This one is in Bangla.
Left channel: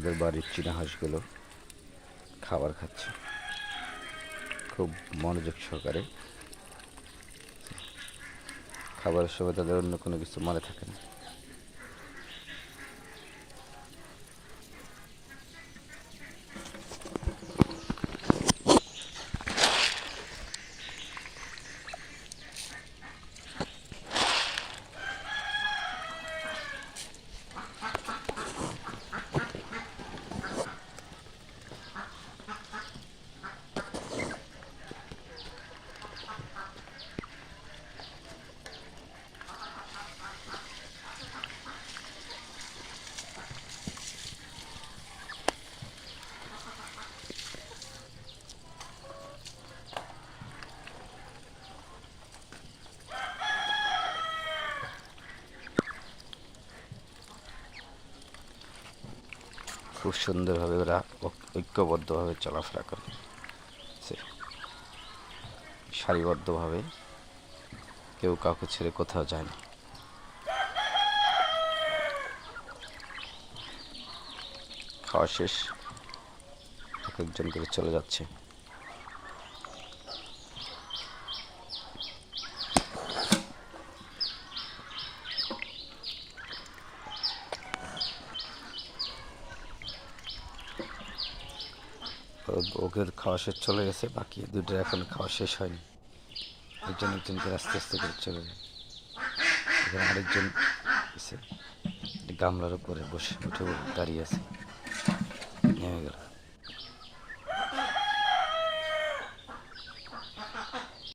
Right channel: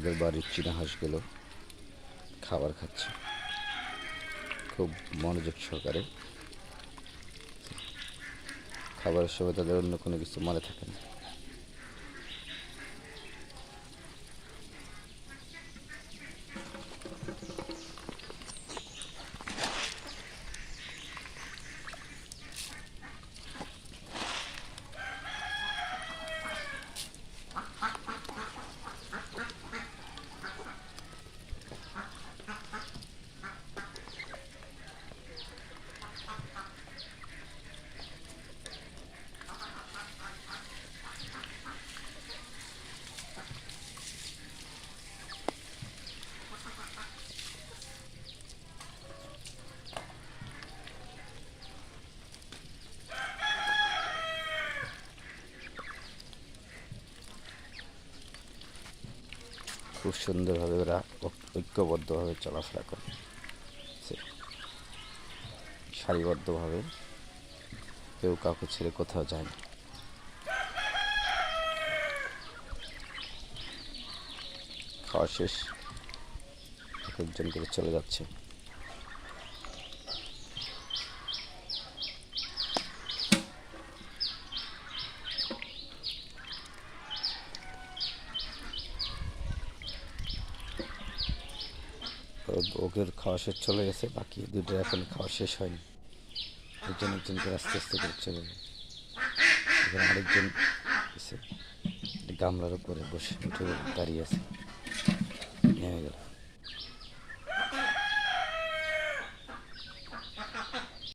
আমাদের বাড়ির চীনা হাঁসগুলো খাবার খাচ্ছে খুব মনোযোগ সহকারে। খাবারের সময় তাদের অন্য কোনো কিছু মনে থাকে না। খুব সুন্দরভাবে ওরা ঐক্যবদ্ধভাবে চলাফেরা করে, সারিবদ্ধভাবে, কেউ কাউকে ছেড়ে কোথাও যায় না। খাওয়া শেষ, এক একজন করে চলে যাচ্ছে। ওকে খাওয়া শেষ চলে গেছে, বাকি দুটো এখন খাওয়া শেষ হয়নি। একজন একজন করে আস্তে আস্তে করে চলে যায়। এখানে আরেকজন গামলার উপরে বসে উঠে দাঁড়িয়ে আছে, নেমে গেল।